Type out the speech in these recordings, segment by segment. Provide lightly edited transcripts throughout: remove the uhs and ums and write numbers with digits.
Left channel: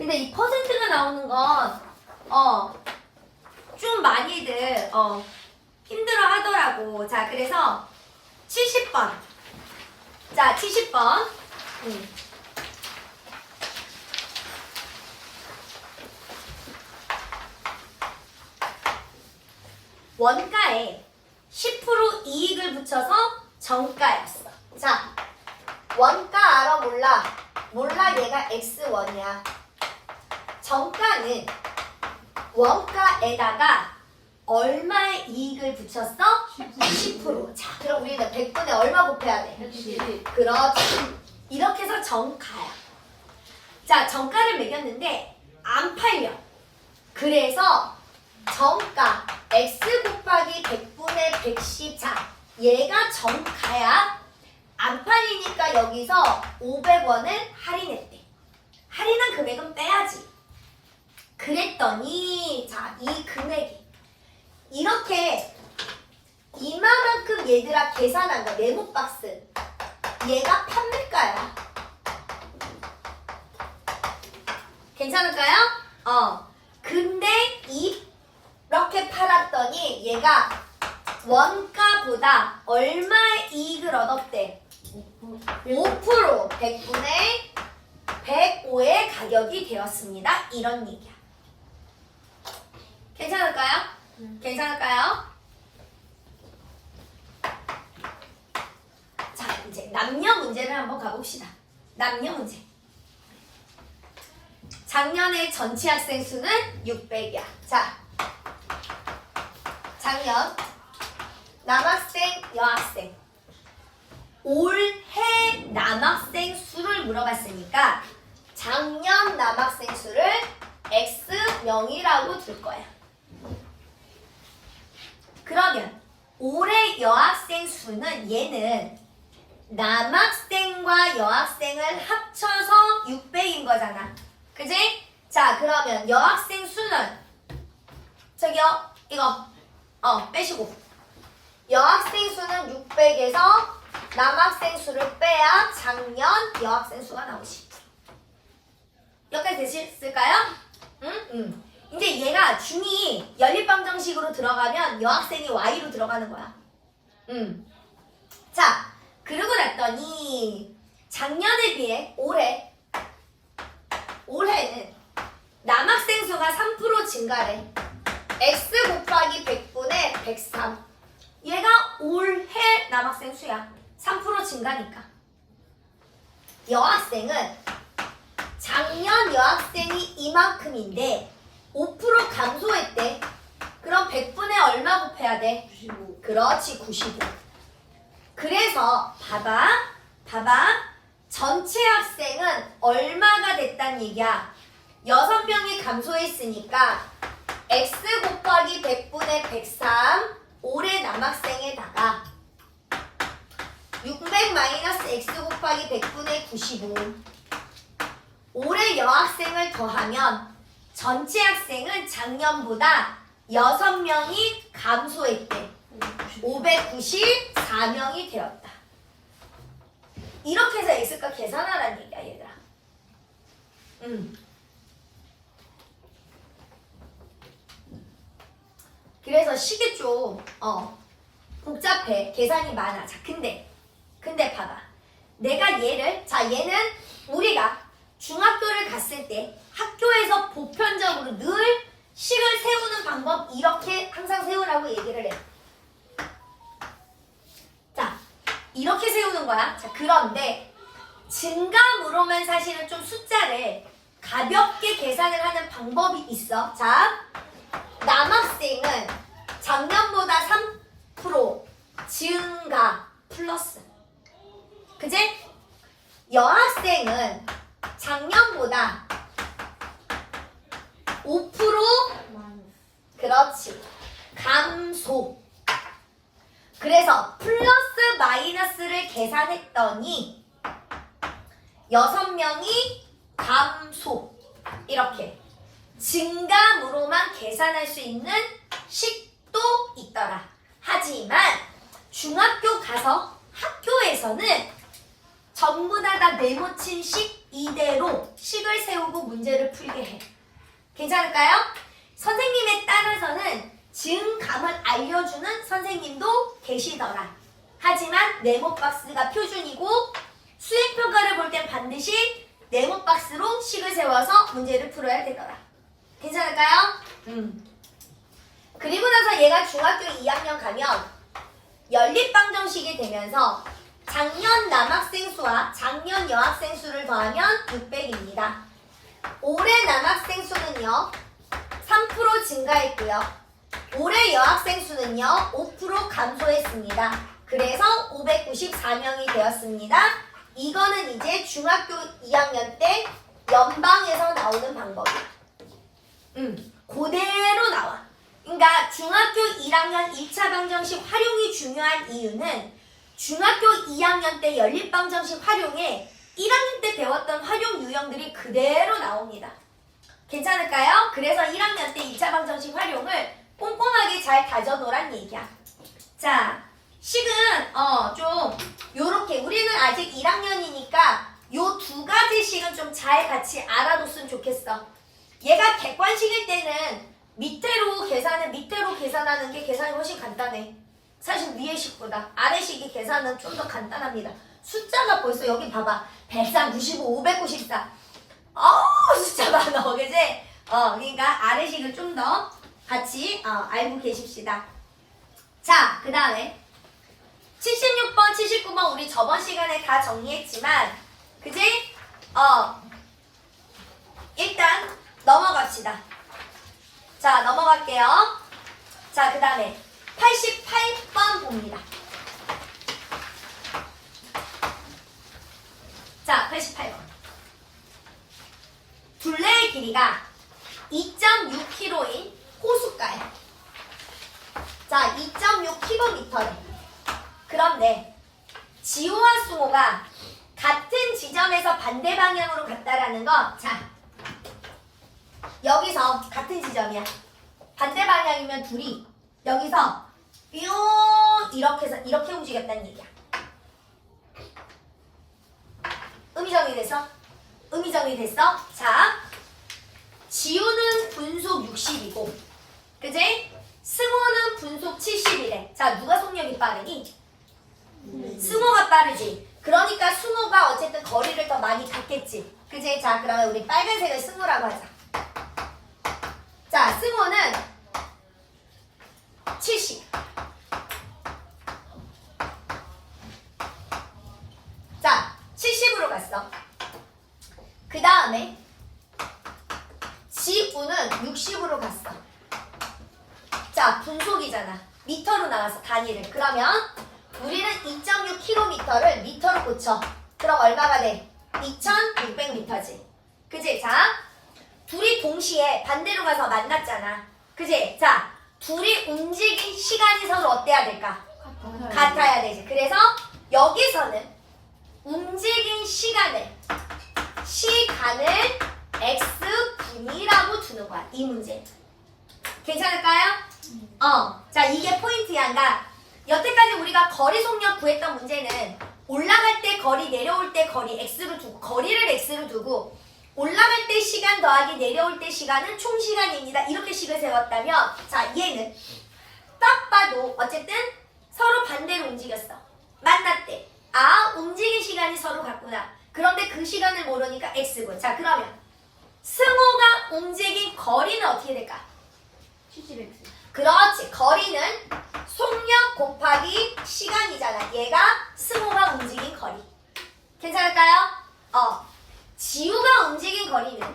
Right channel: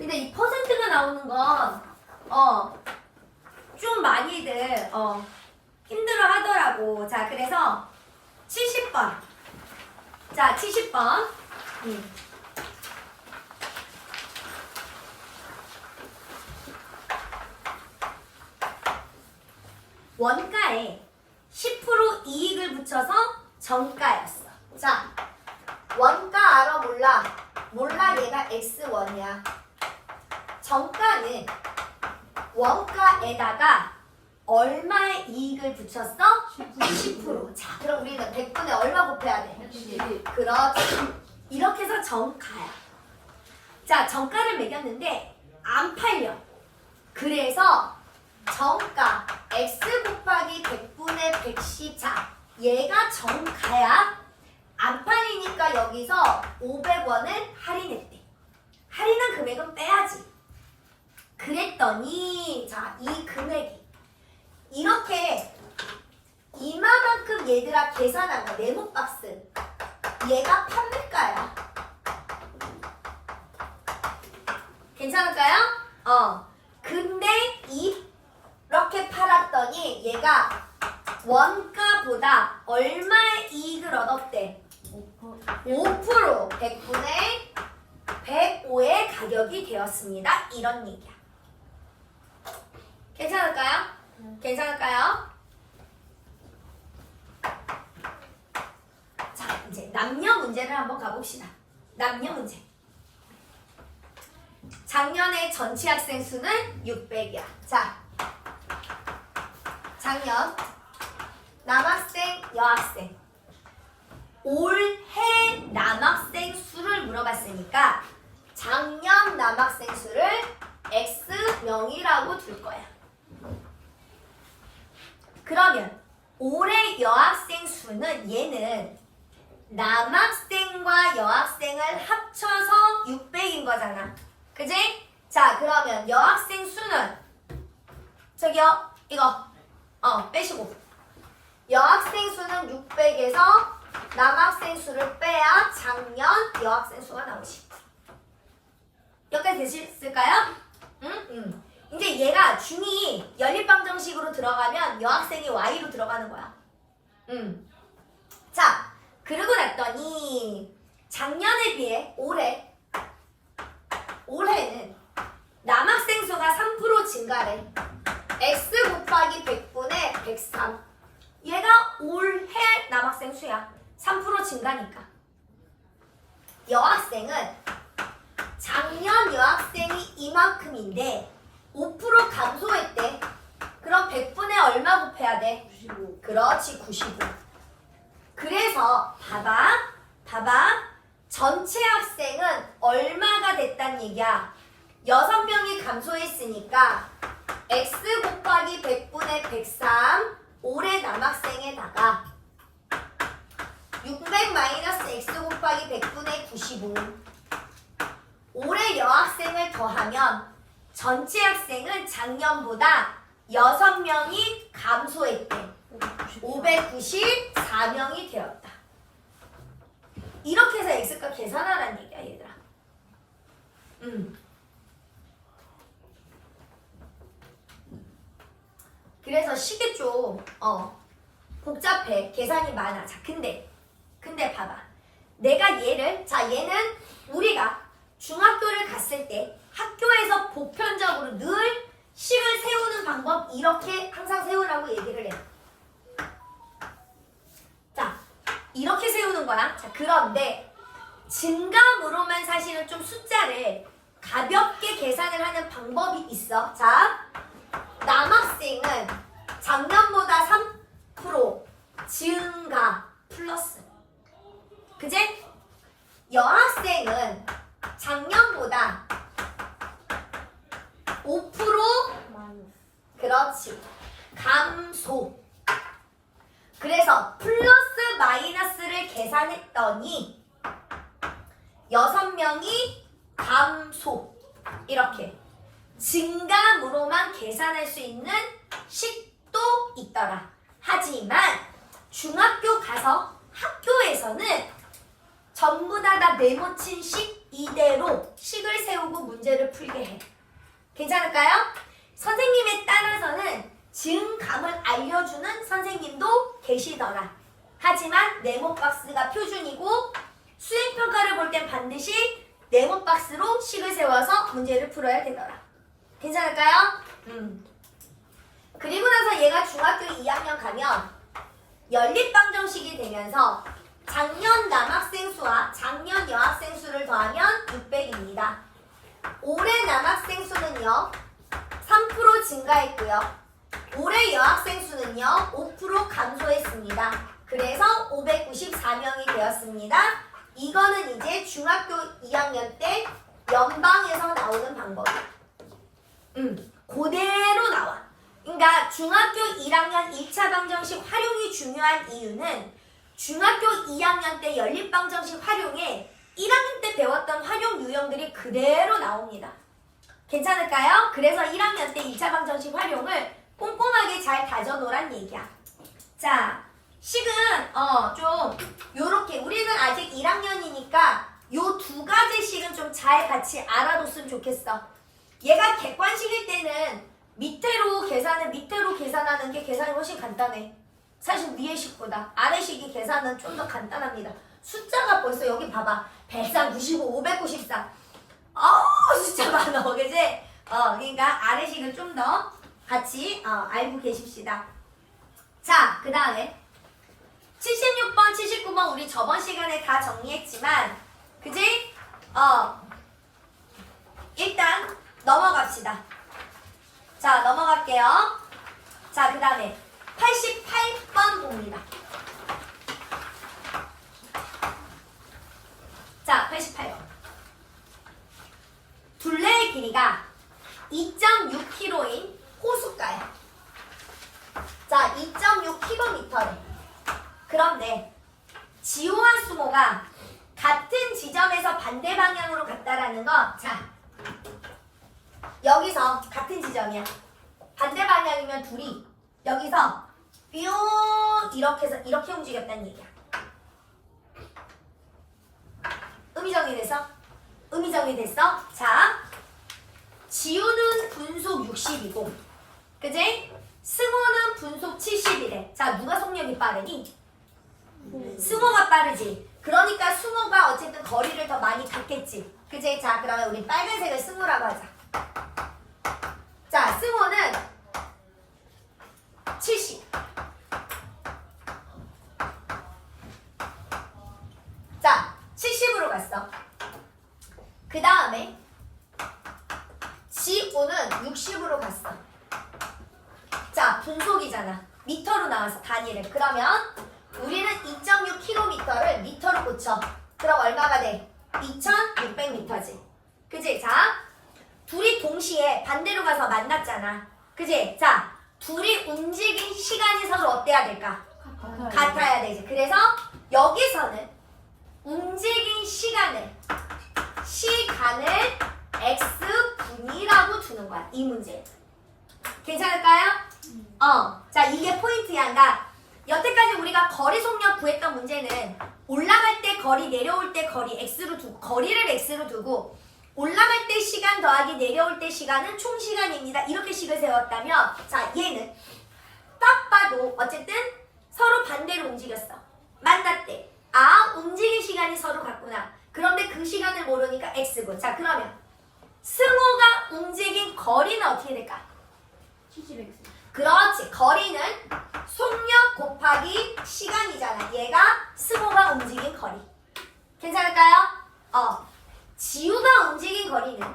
근데 이 퍼센트가 나오는 건 좀 많이들 힘들어 하더라고. 자, 그래서 70번. 자, 70번. 원가에 10% 이익을 붙여서 정가였어. 자, 원가 알아 몰라? 몰라. 얘가 X1이야. 정가는 원가에다가 얼마의 이익을 붙였어? 10%. 자, 그럼 우리는 100분에 얼마 곱해야 돼? 110. 그렇지. 이렇게 해서 정가야. 자, 정가를 매겼는데 안 팔려. 그래서 정가 X 곱하기 100분의 110. 자, 얘가 정가야. 안 팔리니까 여기서 500원을 할인했대. 할인한 금액은 빼야지. 그랬더니 자, 이 금액이 이렇게 이만큼 얘들아 계산한 거 네모박스. 얘가 판매가야. 괜찮을까요? 근데 이렇게 팔았더니 얘가 원가보다 얼마의 이익을 얻었대? 5%, 100분의 105의 가격이 되었습니다. 이런 얘기야. 괜찮을까요? 괜찮을까요? 자, 이제 남녀 문제를 한번 가봅시다. 남녀 문제. 작년에 전체 학생 수는 600이야. 자, 작년 남학생, 여학생. 올해 남학생 수를 물어봤으니까 작년 남학생 수를 X명이라고 둘 거야. 그러면 올해 여학생 수는 얘는 남학생과 여학생을 합쳐서 600인 거잖아. 그지? 자, 그러면 여학생 수는 저기요, 이거 빼시고 여학생 수는 600에서 남학생 수를 빼야 작년 여학생 수가 나오지. 여기까지 되셨을까요? 응? 이제 얘가 중2 연립방정식으로 들어가면 여학생이 Y로 들어가는 거야. 자, 그러고 났더니 작년에 비해 올해는 남학생 수가 3% 증가래. X 곱하기 100분의 103. 얘가 올해 남학생 수야. 3% 증가니까. 여학생은 작년 여학생이 이만큼인데 5% 감소했대. 그럼 100분의 얼마 곱해야 돼? 95. 그렇지, 95. 그래서 봐봐. 전체 학생은 얼마가 됐단 얘기야? 6명이 감소했으니까 X 곱하기 100분의 103 올해 남학생에다가 600 마이너스 X 곱하기 100분의 95 올해 여학생을 더하면 전체 학생은 작년보다 6명이 감소했대. 594명이 되었다. 이렇게 해서 X값 계산하라는 얘기야, 얘들아. 그래서 식이 좀 복잡해. 계산이 많아. 자, 근데 봐봐. 내가 얘는 우리가 중학교를 갔을 때 학교에서 보편적으로 늘 식을 세우는 방법 이렇게 항상 세우라고 얘기를 해. 자, 이렇게 세우는 거야. 자, 그런데 증감으로만 사실은 좀 숫자를 가볍게 계산을 하는 방법이 있어. 자, 남학생은 작년보다 3% 증가 플러스. 그지? 여학생은 작년보다 5% 그렇지. 감소. 그래서 플러스 마이너스를 계산했더니 6명이 감소. 이렇게 증감으로만 계산할 수 있는 식도 있더라. 하지만 중학교 가서 학교에서는 전부 다 네모친 식 이대로 식을 세우고 문제를 풀게 해. 괜찮을까요? 선생님에 따라서는 증감을 알려주는 선생님도 계시더라. 하지만 네모박스가 표준이고 수행평가를 볼 땐 반드시 네모박스로 식을 세워서 문제를 풀어야 되더라. 괜찮을까요? 그리고 나서 얘가 중학교 2학년 가면 연립방정식이 되면서 작년 남학생 수와 작년 여학생 수를 더하면 600입니다. 올해 남학생 수는요 3% 증가했고요. 올해 여학생 수는요 5% 감소했습니다. 그래서 594명이 되었습니다. 이거는 이제 중학교 2학년 때 연방에서 나오는 방법이야. 그대로 나와. 그러니까 중학교 1학년 1차 방정식 활용이 중요한 이유는 중학교 2학년 때 연립방정식 활용에 1학년 때 배웠던 활용 유형들이 그대로 나옵니다. 괜찮을까요? 그래서 1학년 때 2차 방정식 활용을 꼼꼼하게 잘 다져놓으란 얘기야. 자, 식은 좀 요렇게 우리는 아직 1학년이니까 요 두 가지 식은 좀 잘 같이 알아뒀으면 좋겠어. 얘가 객관식일 때는 밑으로 계산하는 게 계산이 훨씬 간단해. 사실 위의 식보다 아래 식이 계산은 좀 더 간단합니다. 숫자가 벌써 여기 봐봐. 195, 594. 숫자 많아, 그지? 그러니까 아래 식을 좀 더 같이 알고 계십시다. 자, 그 다음에 76번, 79번 우리 저번 시간에 다 정리했지만 그지? 일단 넘어갑시다. 자, 넘어갈게요. 자, 그 다음에 88번 봅니다. 자, 88번. 둘레의 길이가 2.6km인 호숫가야. 자, 2.6km래. 그런데 지호와 수호가 같은 지점에서 반대 방향으로 갔다라는 건, 자, 여기서 같은 지점이야. 반대 방향이면 둘이 여기서 뿅 이렇게 해서 이렇게 움직였다는 얘기야. 의미 정리됐어? 의미 정리됐어? 자, 지우는 분속 60이고 그지? 승호는 분속 70이래. 자, 누가 속력이 빠르니? 승호가 빠르지. 그러니까 승호가 어쨌든 거리를 더 많이 갔겠지. 그지? 자, 그러면 우리 빨간색을 승호라고 하자. 자, 승호는 70. 자, 70으로 갔어. 그 다음에 지우는 60으로 갔어. 자, 분속이잖아. 미터로 나와서 단위를. 그러면 우리는 2.6km를 미터로 고쳐. 그럼 얼마가 돼? 2600m지. 그지? 자, 둘이 동시에 반대로 가서 만났잖아. 그지? 자, 둘이 움직인 시간이 서로 어때야 될까? 같아야 되지. 그래서 여기서는 움직인 시간을 x분이라고 두는 거야. 이 문제. 괜찮을까요? 자, 이게 포인트야. 그러니까 여태까지 우리가 거리 속력 구했던 문제는 올라갈 때 거리, 내려올 때 거리 x로 두고 거리를 x로 두고 올라갈 때 시간 더하기 내려올 때 시간은 총 시간입니다. 이렇게 식을 세웠다면, 자, 얘는 딱 봐도 어쨌든 서로 반대로 움직였어. 만났대. 움직인 시간이 서로 같구나. 그런데 그 시간을 모르니까 x고. 자, 그러면 승호가 움직인 거리는 어떻게 될까? 70x. 그렇지. 거리는 속력 곱하기 시간이잖아. 얘가 승호가 움직인 거리. 괜찮을까요? 지우가 움직인 거리는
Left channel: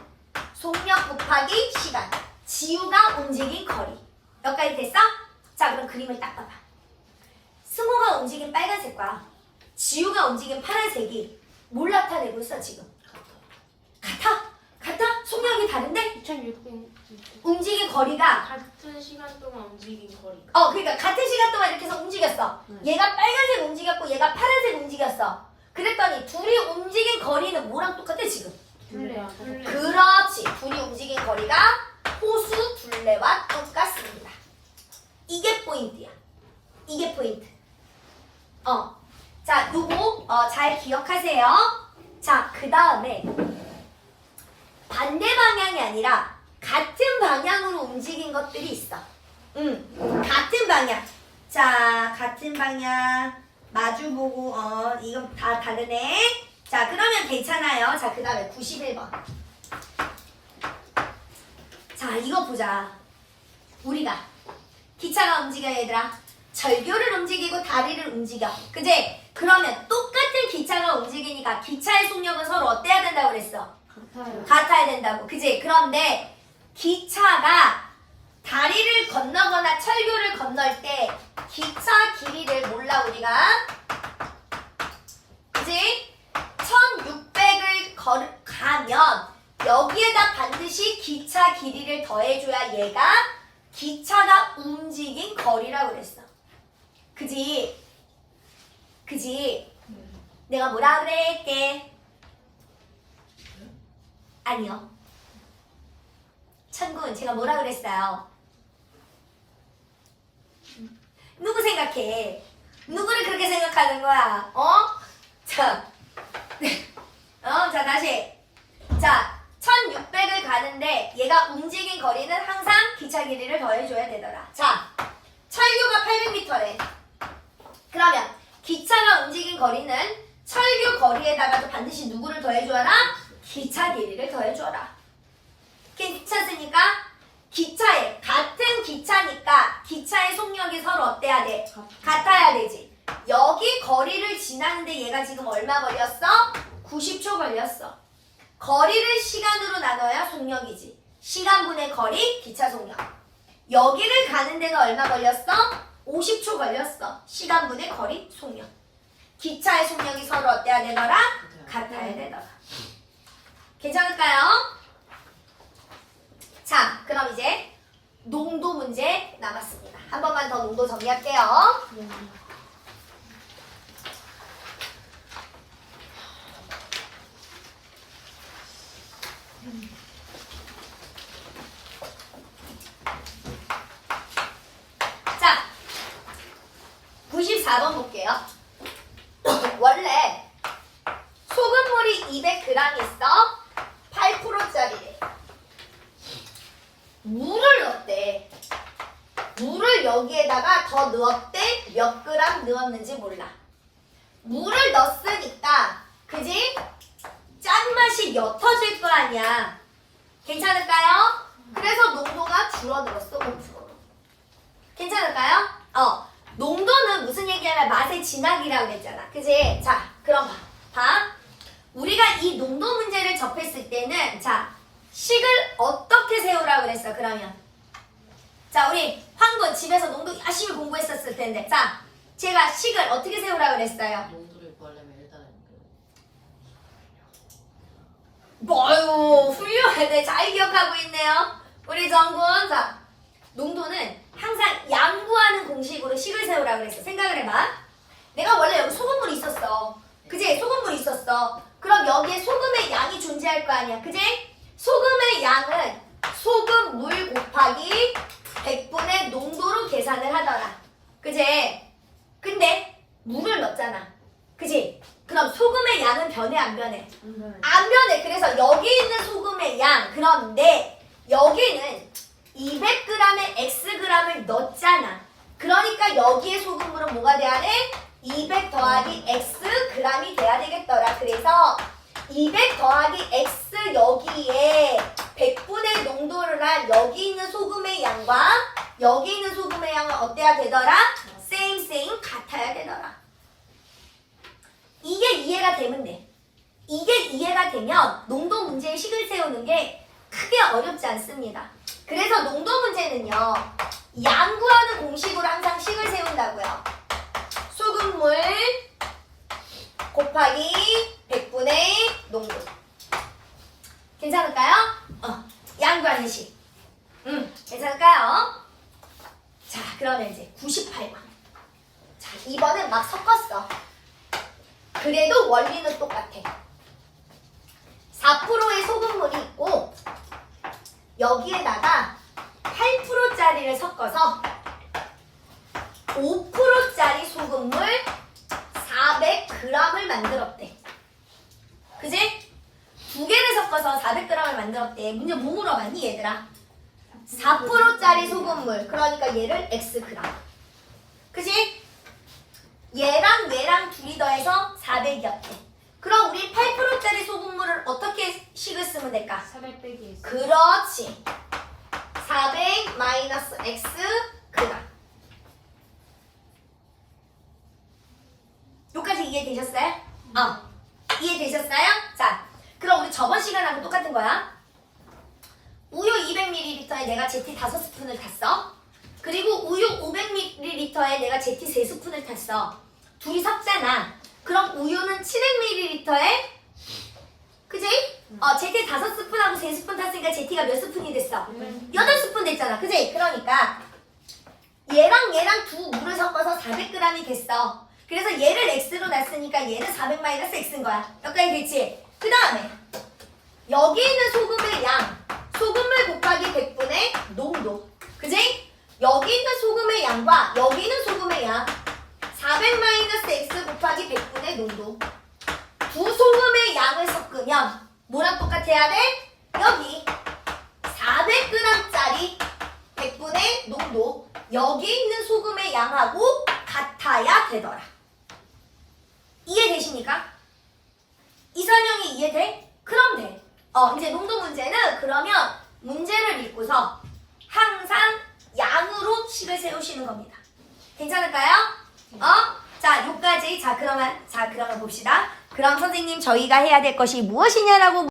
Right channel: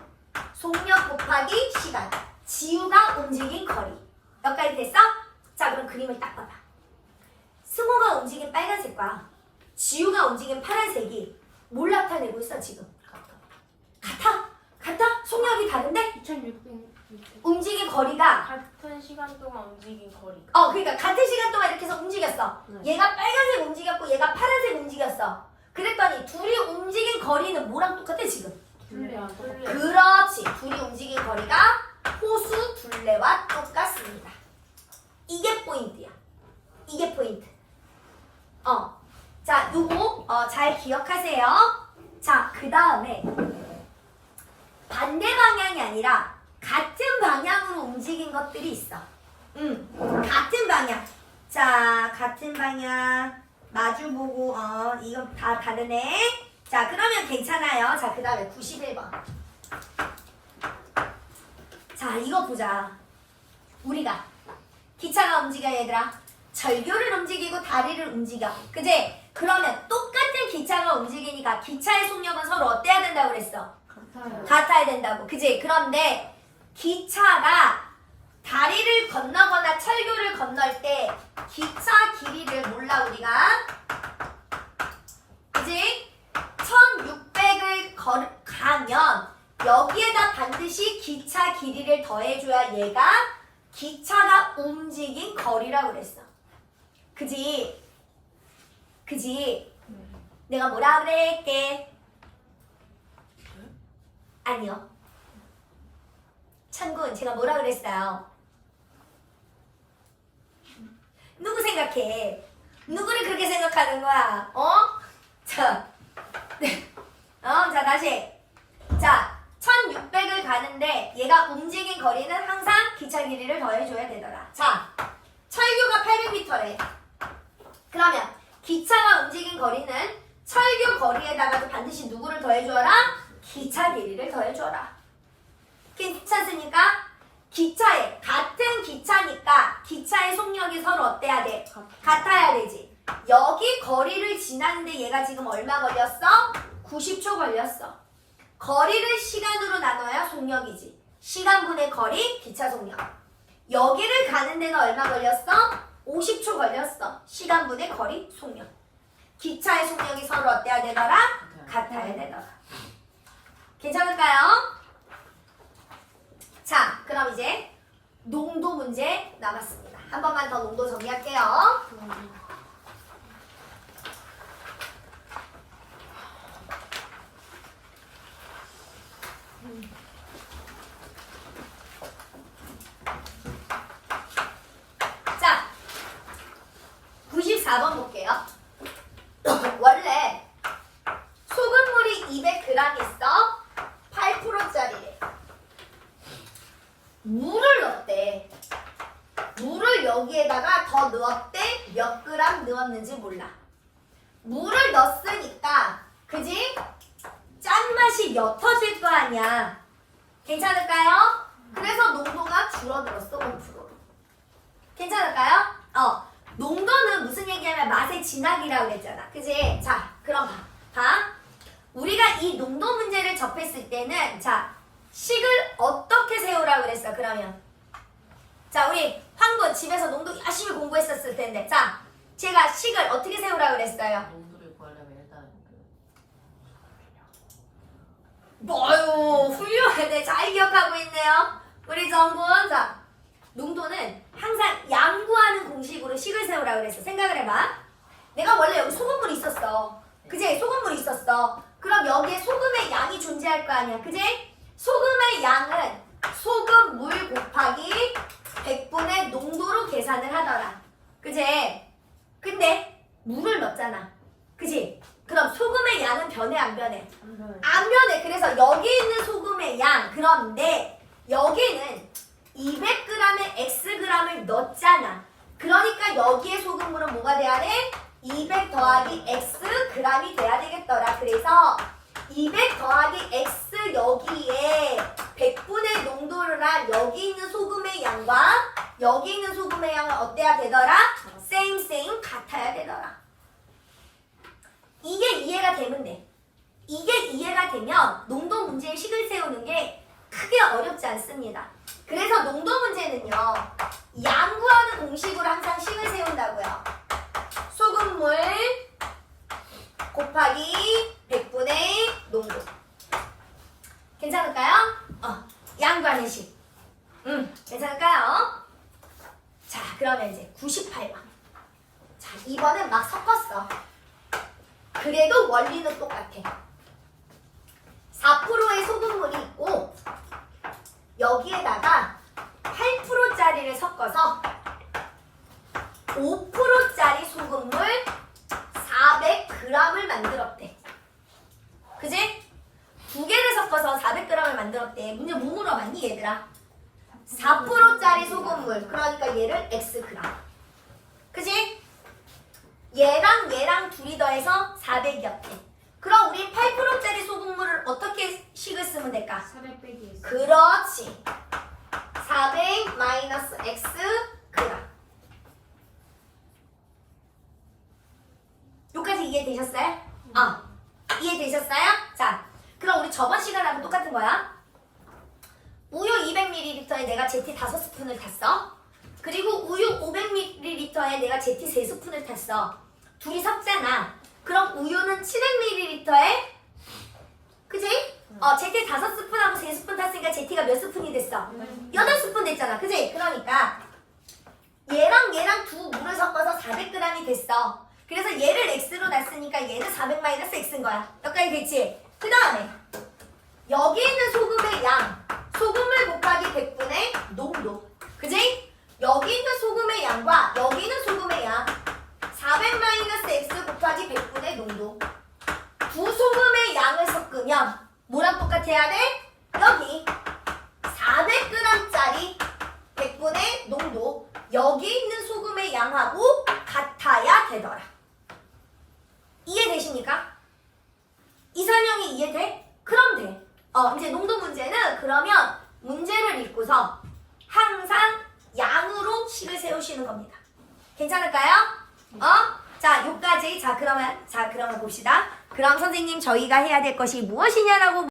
속력 곱하기 시간. 지우가 움직인 거리. 여기까지 됐어? 자, 그럼 그림을 딱 봐봐. 승호가 움직인 빨간색과 지우가 움직인 파란색이 뭘 나타내고 있어 지금? 같아? 같아? 속력이 다른데? 2600. 움직인 거리가 같은 시간 동안 움직인 거리가. 그러니까 같은 시간 동안 이렇게 해서 움직였어. 네. 얘가 빨간색 움직였고 얘가 파란색 움직였어. 그랬더니 둘이 움직인 거리는 뭐랑 똑같아 지금? 둘레야. 둘레. 그렇지. 둘이 움직인 거리가 호수 둘레와 똑같습니다. 이게 포인트야. 이게 포인트. 자, 요거 잘 기억하세요. 자, 그 다음에 반대 방향이 아니라 같은 방향으로 움직인 것들이 있어. 같은 방향. 자, 같은 방향. 마주보고, 이건 다 다르네. 자, 그러면 괜찮아요. 자, 그 다음에 91번. 자, 이거 보자. 우리가 기차가 움직여, 얘들아. 절교를 움직이고 다리를 움직여. 그지? 그러면 똑같은 기차가 움직이니까 기차의 속력은 서로 어때야 된다고 그랬어? 같아야 된다고. 그지? 그런데 기차가 다리를 건너거나 철교를 건널 때 기차 길이를 몰라 우리가. 그지? 1600을 가면 여기에다 반드시 기차 길이를 더해줘야 얘가 기차가 움직인 거리라고 그랬어. 그지? 그지? 내가 뭐라 그랬게? 아니요. 천군, 제가 뭐라 그랬어요? 누구 생각해? 누구를 그렇게 생각하는 거야? 자, 자, 다시. 자, 1600을 가는데 얘가 움직인 거리는 항상 기차 길이를 더해줘야 되더라. 자, 철교가 800m래. 그러면 기차가 움직인 거리는 철교 거리에다가도 반드시 누구를 더해줘라? 기차 길이를 더해줘라. 괜찮습니까? 기차에 같은 기차니까 기차의 속력이 서로 어때야 돼? 같아야 되지. 여기 거리를 지나는데 얘가 지금 얼마 걸렸어? 90초 걸렸어. 거리를 시간으로 나눠야 속력이지. 시간분의 거리, 기차 속력. 여기를 가는 데는 얼마 걸렸어? 50초 걸렸어. 시간분의 거리, 속력. 기차의 속력이 서로 어때야 되더라? 같아야 되더라. 괜찮을까요? 자, 그럼 이제 농도 문제 남았습니다. 한 번만 더 농도 정리할게요. 자, 94번 볼게요. 원래 소금물이 200g 있어. 8%짜리래. 물을 넣었대. 물을 여기에다가 더 넣었대. 몇 그램 넣었는지 몰라. 물을 넣었으니까 그지? 짠맛이 옅어질 거 아니야. 괜찮을까요? 그래서 농도가 줄어들었어. 5%로. 괜찮을까요? 농도는 무슨 얘기냐면 맛의 진하기라고 했잖아. 그지? 자, 그럼 봐. 우리가 이 농도 문제를 접했을 때는 자, 식을 어떻게 세우라고 그랬어? 그러면 자, 우리 황군 집에서 농도 열심히 공부했었을 텐데 자, 제가 식을 어떻게 세우라고 그랬어요? 농도를 구하려면 일단 뭐요, 훌륭하네. 잘 기억하고 있네요. 우리 정군. 자, 농도는 항상 양구하는 공식으로 식을 세우라고 그랬어. 생각을 해봐. 내가 원래 여기 소금물이 있었어. 그지? 소금물이 있었어. 그럼 여기에 소금의 양이 존재할 거 아니야. 그지? 소금의 양은 소금 물 곱하기 100분의 농도로 계산을 하더라. 그지? 근데 물을 넣었잖아. 그지? 그럼 소금의 양은 변해 안 변해? 안 변해. 그래서 여기 있는 소금의 양, 그런데 여기는 200g의 xg을 넣었잖아. 그러니까 여기에 소금물은 뭐가 돼야 돼? 200 더하기 xg이 돼야 되겠더라. 그래서 200 더하기 x 여기에 100분의 농도를 한 여기 있는 소금의 양과 여기 있는 소금의 양은 어때야 되더라? same 같아야 되더라. 이게 이해가 되면 돼. 이게 이해가 되면 농도 문제에 식을 세우는 게 크게 어렵지 않습니다. 그래서 농도 문제는요, 양구하는 공식으로 항상 식을 세운다고요. 소금물 곱하기 100분의 농도. 괜찮을까요? 양구하는 식. 괜찮을까요? 자, 그러면 이제 98번. 자, 이번엔 막 섞었어. 그래도 원리는 똑같아. 4%의 소금물이 있고 여기에다가 8%짜리를 섞어서 5%짜리 소금물 400g을 만들었대. 그지? 두 개를 섞어서 400g을 만들었대. 문제 뭐 물어봤니 얘들아? 4%짜리 소금물. 그러니까 얘를 Xg. 그치? 얘랑 둘이 더해서 400이었대. 그럼 우리 8%짜리 소금물을 어떻게 식을 쓰면 될까? 400 빼기 S. 그렇지. 400 마이너스 X g. 여기까지 이해되셨어요? 이해되셨어요? 자, 그럼 우리 저번 시간하고 똑같은 거야. 우유 200ml에 내가 제티 5스푼을 탔어. 그리고 우유 500ml에 내가 제티 3스푼을 탔어. 둘이 섞잖아. 그럼 우유는 700ml에 그지? 제티 5스푼하고 3스푼 탔으니까 제티가 몇 스푼이 됐어? 8스푼 됐잖아. 그지? 그러니까 얘랑 두 물을 섞어서 400g이 됐어. 그래서 얘를 x로 놨으니까 얘는 400 마이너스 x인 거야. 여기까지 됐지? 그 다음에 여기 있는 소금의 양, 소금물 곱하기 100분의 농도. 그지? 여기 있는 소금의 양과 여기 있는 소금의 양 400 마이너스 x 곱하기 100분의 농도. 두 소금의 양을 섞으면 뭐랑 똑같아야 돼? 여기 400g짜리 100분의 농도 여기 있는 소금의 양하고 같아야 되더라. 이해되십니까? 이 설명이 이해돼? 그럼 돼. 이제 농도 문제는 그러면 문제를 읽고서 항상 양으로 식을 세우시는 겁니다. 괜찮을까요? 자, 요까지. 그러면 봅시다. 그럼 선생님 저희가 해야 될 것이 무엇이냐라고